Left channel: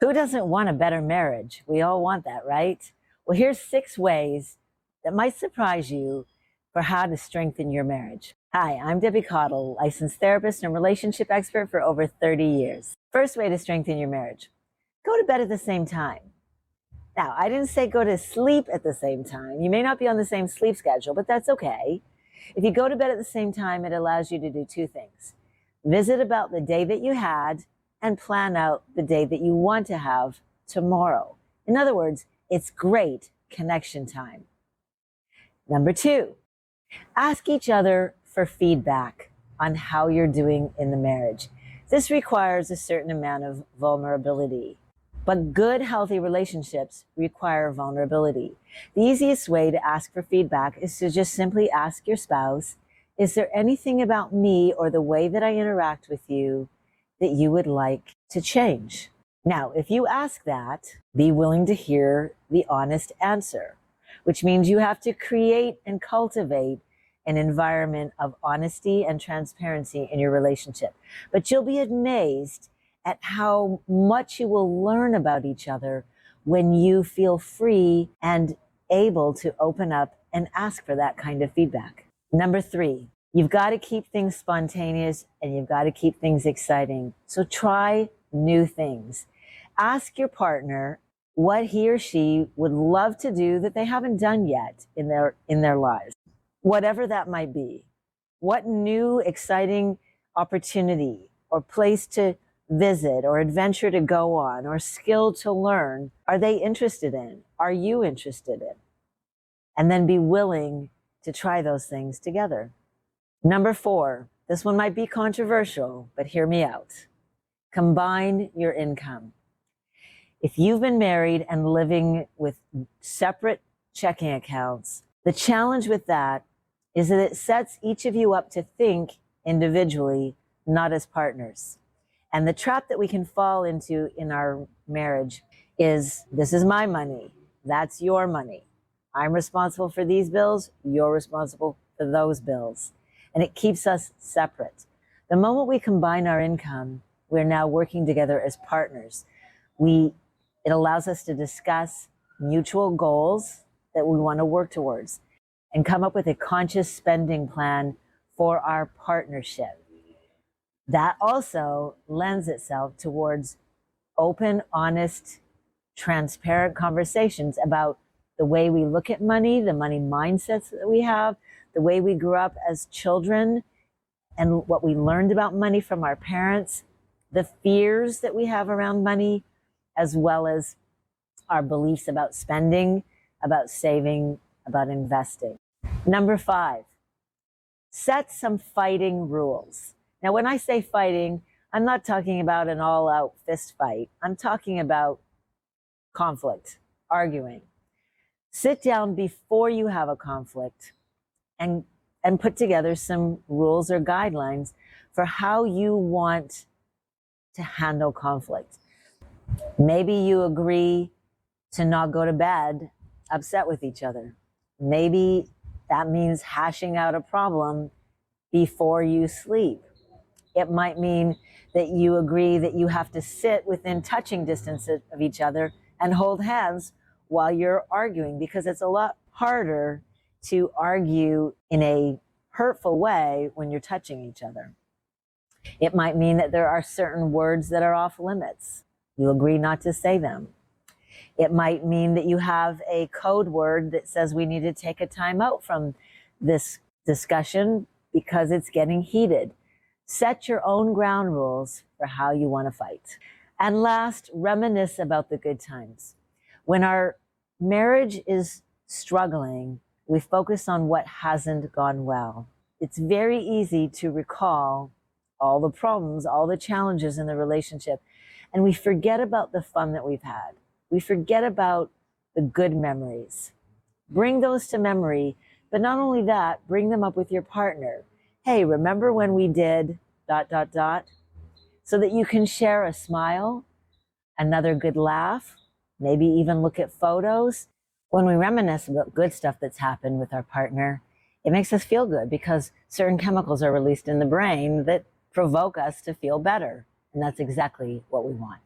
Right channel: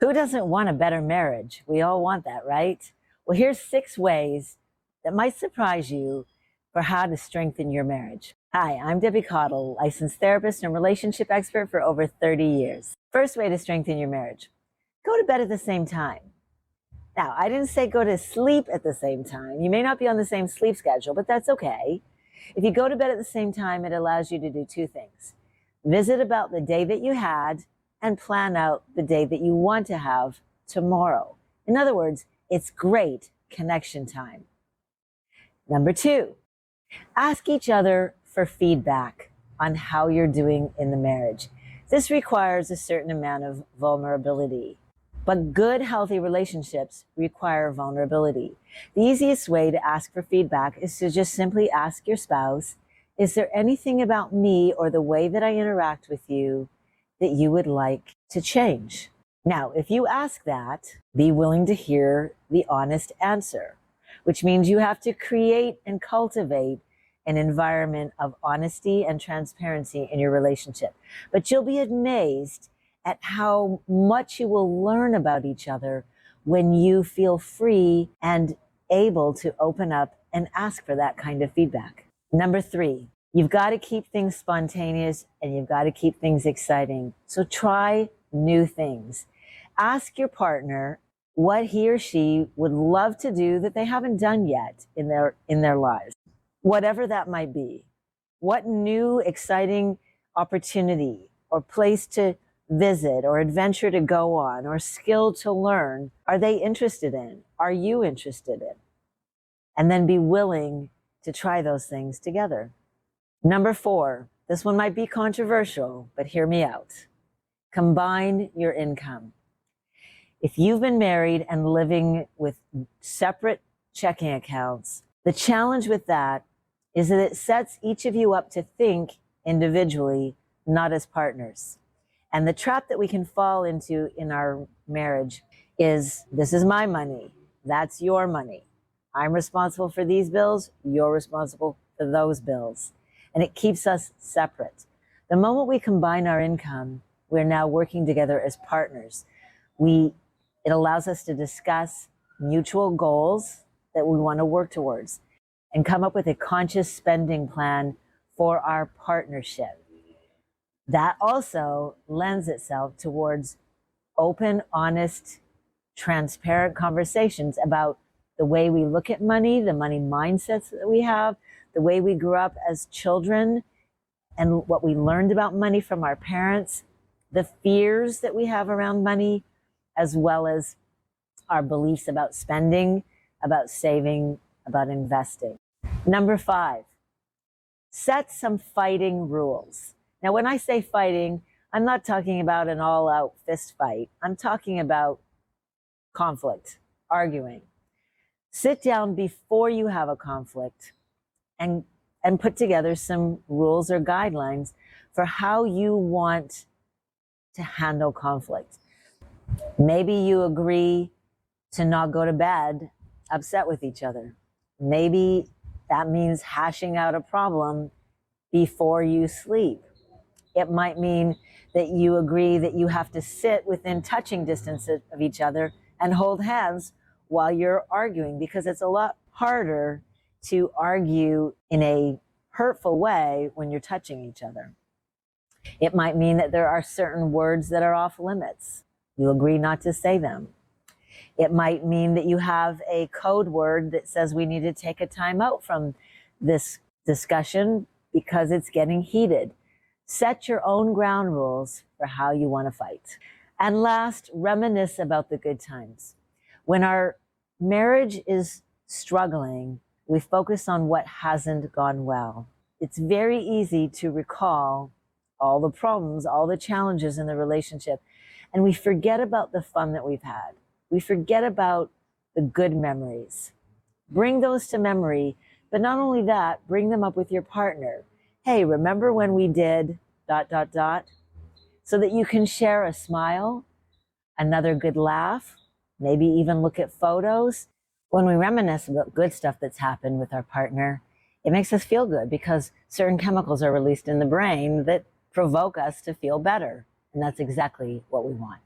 Who doesn't want a better marriage? We all want that, right? Well, here's 6 ways that might surprise you for how to strengthen your marriage. Hi, I'm Debbie Cottle, licensed therapist and relationship expert for over 30 years. First way to strengthen your marriage: go to bed at the same time. Now, I didn't say go to sleep at the same time. You may not be on the same sleep schedule, but that's okay. If you go to bed at the same time, it allows you to do 2 things: visit about the day that you had and plan out the day that you want to have tomorrow. In other words, it's great connection time. Number 2, ask each other for feedback on how you're doing in the marriage. This requires a certain amount of vulnerability. But good, healthy relationships require vulnerability. The easiest way to ask for feedback is to just simply ask your spouse, is there anything about me or the way that I interact with you that you would like to change? Now, if you ask that, be willing to hear the honest answer, which means you have to create and cultivate an environment of honesty and transparency in your relationship. But you'll be amazed at how much you will learn about each other when you feel free and able to open up and ask for that kind of feedback. Number 3, you've got to keep things spontaneous and you've got to keep things exciting. So try new things. Ask your partner what he or she would love to do that they haven't done yet in their lives. Whatever that might be. What new exciting opportunity or place to visit or adventure to go on or skill to learn are they interested in? Are you interested in? And then be willing to try those things together. Number 4, this one might be controversial, but hear me out. Combine your income. If you've been married and living with separate checking accounts, the challenge with that is that it sets each of you up to think individually, not as partners. And the trap that we can fall into in our marriage is, this is my money, that's your money. I'm responsible for these bills, you're responsible for those bills. And it keeps us separate. The moment we combine our income, we're now working together as partners. It allows us to discuss mutual goals that we want to work towards and come up with a conscious spending plan for our partnership. That also lends itself towards open, honest, transparent conversations about the way we look at money, the money mindsets that we have, the way we grew up as children, and what we learned about money from our parents, the fears that we have around money, as well as our beliefs about spending, about saving, about investing. Number 5, set some fighting rules. Now, when I say fighting, I'm not talking about an all-out fist fight. I'm talking about conflict, arguing. Sit down before you have a conflict and put together some rules or guidelines for how you want to handle conflict. Maybe you agree to not go to bed upset with each other. Maybe that means hashing out a problem before you sleep. It might mean that you agree that you have to sit within touching distance of each other and hold hands while you're arguing, because it's a lot harder to argue in a hurtful way when you're touching each other. It might mean that there are certain words that are off limits. You agree not to say them. It might mean that you have a code word that says we need to take a time out from this discussion because it's getting heated. Set your own ground rules for how you want to fight. And last, reminisce about the good times. When our marriage is struggling, we focus on what hasn't gone well. It's very easy to recall all the problems, all the challenges in the relationship, and we forget about the fun that we've had. We forget about the good memories. Bring those to memory, but not only that, bring them up with your partner. Hey, remember when we did ... so that you can share a smile, another good laugh, maybe even look at photos. When we reminisce about good stuff that's happened with our partner, it makes us feel good because certain chemicals are released in the brain that provoke us to feel better. And that's exactly what we want.